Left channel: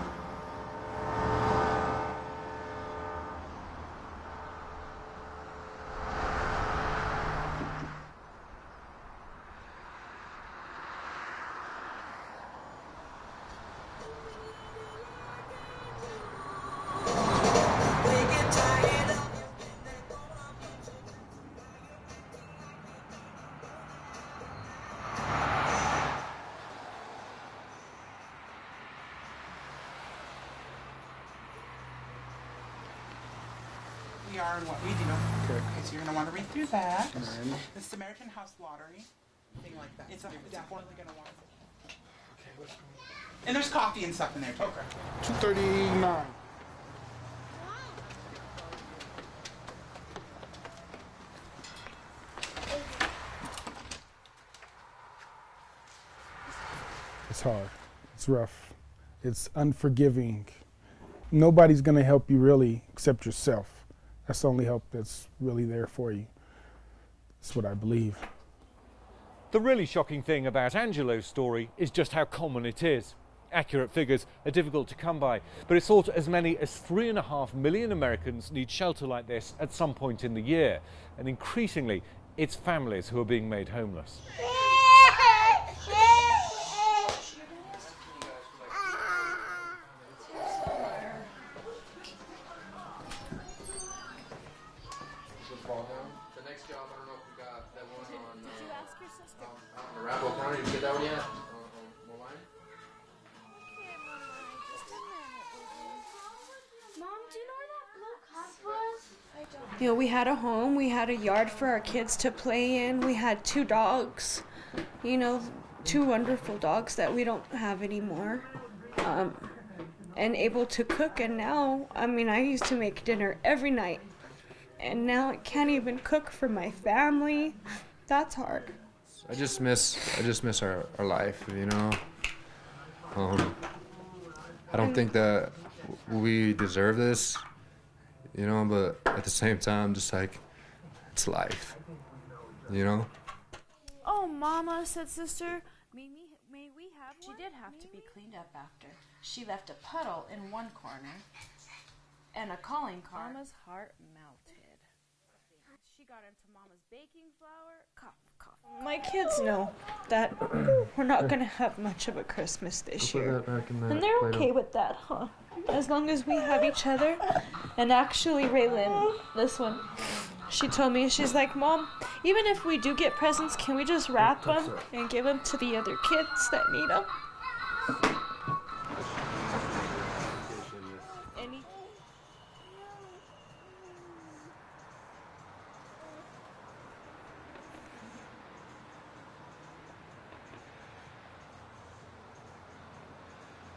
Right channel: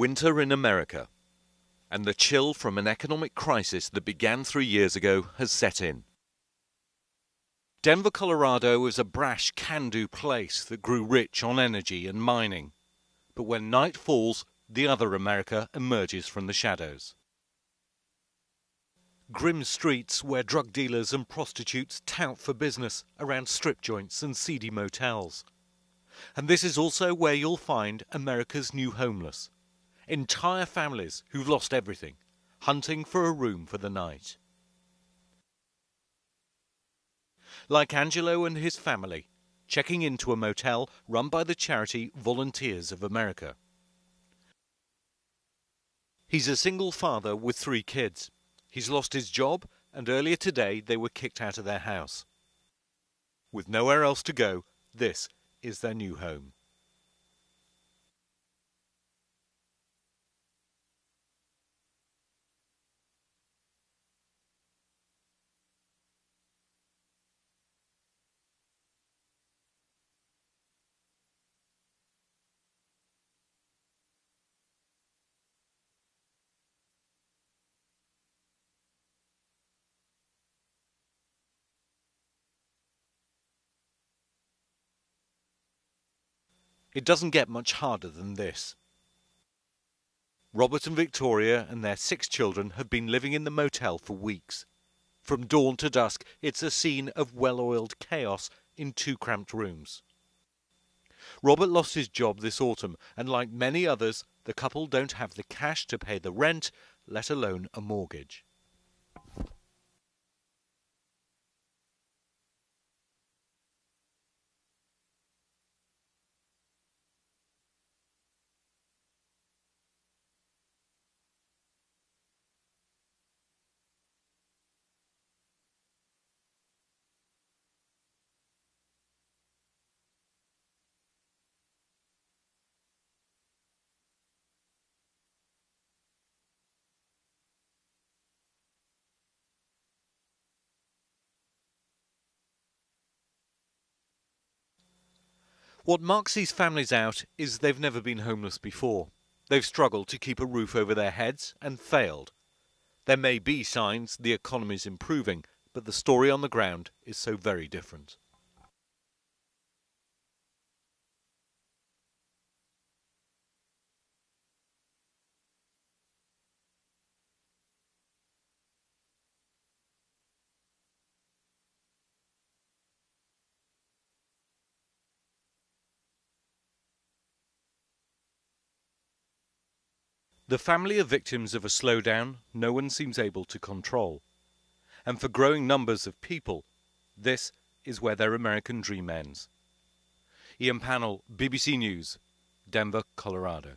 Winter in America, and the chill from an economic crisis that began 3 years ago has set in. Denver, Colorado is a brash, can-do place that grew rich on energy and mining. But when night falls, the other America emerges from the shadows. Grim streets where drug dealers and prostitutes tout for business around strip joints and seedy motels. And this is also where you'll find America's new homeless. Entire families who've lost everything, hunting for a room for the night. We are in what we do. Okay, so you're going to want to read through that. Like Angelo and his family, checking into a motel run by the charity Volunteers of America. And there's coffee and stuff in there, too. Okay. 239. He's a single father with 3 kids. He's lost his job, and earlier today they were kicked out of their house. With nowhere else to go, this is their new home. It's hard. It's rough. It's unforgiving. Nobody's going to help you really except yourself. That's the only help that's really there for you. That's what I believe. The really shocking thing about Angelo's story is just how common it is. Accurate figures are difficult to come by, but it's thought as many as 3.5 million Americans need shelter like this at some point in the year. And increasingly, it's families who are being made homeless. It doesn't get much harder than this. Robert and Victoria and their 6 children have been living in the motel for weeks. From dawn to dusk, it's a scene of well-oiled chaos in 2 cramped rooms. Robert lost his job this autumn, and like many others, the couple don't have the cash to pay the rent, let alone a mortgage. You know, we had a home, we had a yard for our kids to play in, we had 2 dogs, you know, 2 wonderful dogs that we don't have anymore. And able to cook, and now, I mean, I used to make dinner every night, and now I can't even cook for my family. That's hard. I just miss our life, you know. I don't think that we deserve this, you know, but at the same time, just like, it's life, you know. Oh, Mama, said Sister. What marks these families out is they've never been homeless before. They've struggled to keep a roof over their heads and failed. There may be signs the economy's improving, but the story on the ground is so very different. My kids know that we're not going to have much of a Christmas this year. And they're okay with that, huh? As long as we have each other. And actually, Raylan, this one, she told me, she's like, Mom, even if we do get presents, can we just wrap them and give them to the other kids that need them? The family are victims of a slowdown no one seems able to control. And for growing numbers of people, this is where their American dream ends. Ian Pannell, BBC News, Denver, Colorado.